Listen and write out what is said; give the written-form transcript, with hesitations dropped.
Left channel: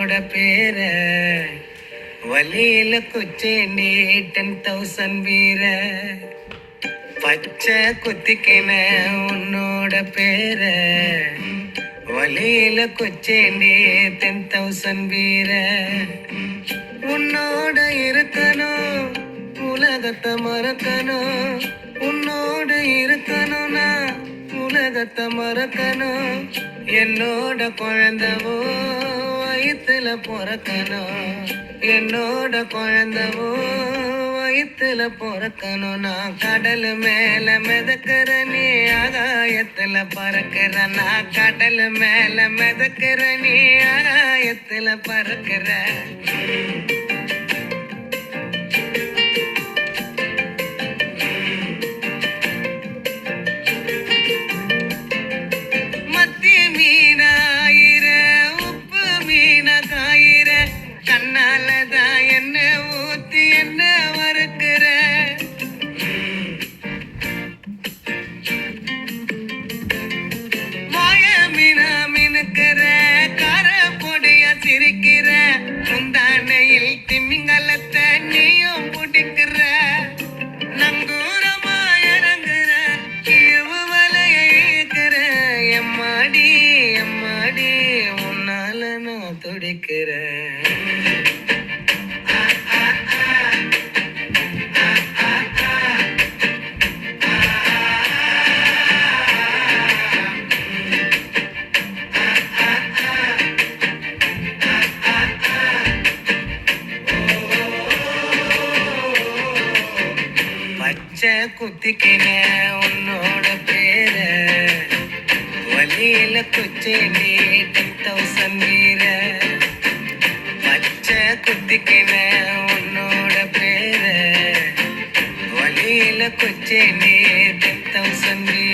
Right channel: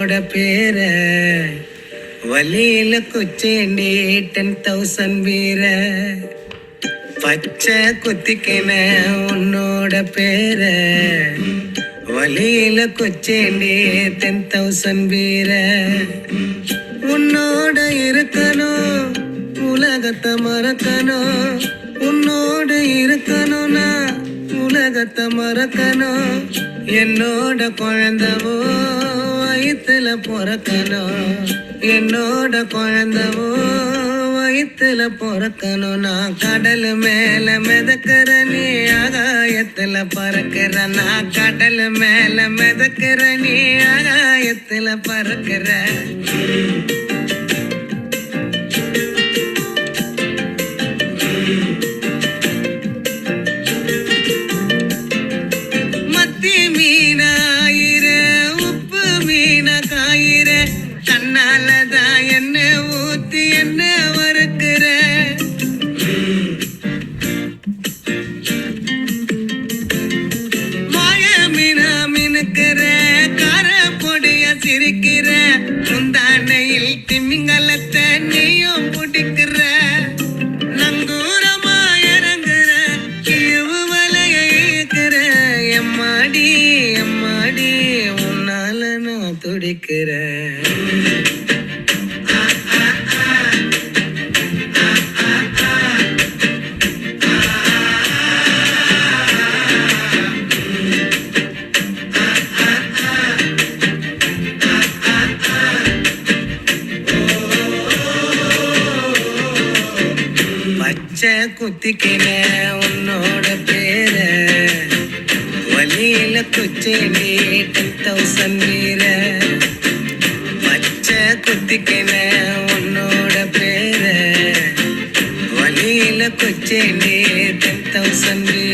பேர வழியில குச்சேண்டி 10,000 வீர பச்சை குத்திக்கின உன்னோட பேர வழியில குச்சேண்டி 10,000 வீர உன்னோட இருக்கணும் உலகத்தை மறக்கணும் உன்னோடு இருக்கணும்னா உலகத்தை மறக்கணும் என்னோட குழந்தவோ வயிற்றுல பிறக்கணும் என்னோட குழந்தவோ வயிற்றுல பிறக்கணும் நான் கடல் மேல மிதக்கிற நீ ஆகாயத்துல பறக்கிற நான் கடல் மேல மிதக்கிற நீ ஆகாயத்துல பறக்கிற முந்தானையில் திமிங்கலத்தை நீயும் பிடிக்கிற நங்கூரமா இறங்குற கிழிவு வலைய இழுக்கிற எம்மாடி எம்மாடி உன்னால நான் துடிக்கிறேன் குத்திக்கின உன்னோட பேர வழியில குச்சேண்டி 10,000 வீர பச்சை குத்திக்கின உன்னோட பேர வழியில குச்சேண்டி 10,000 வீர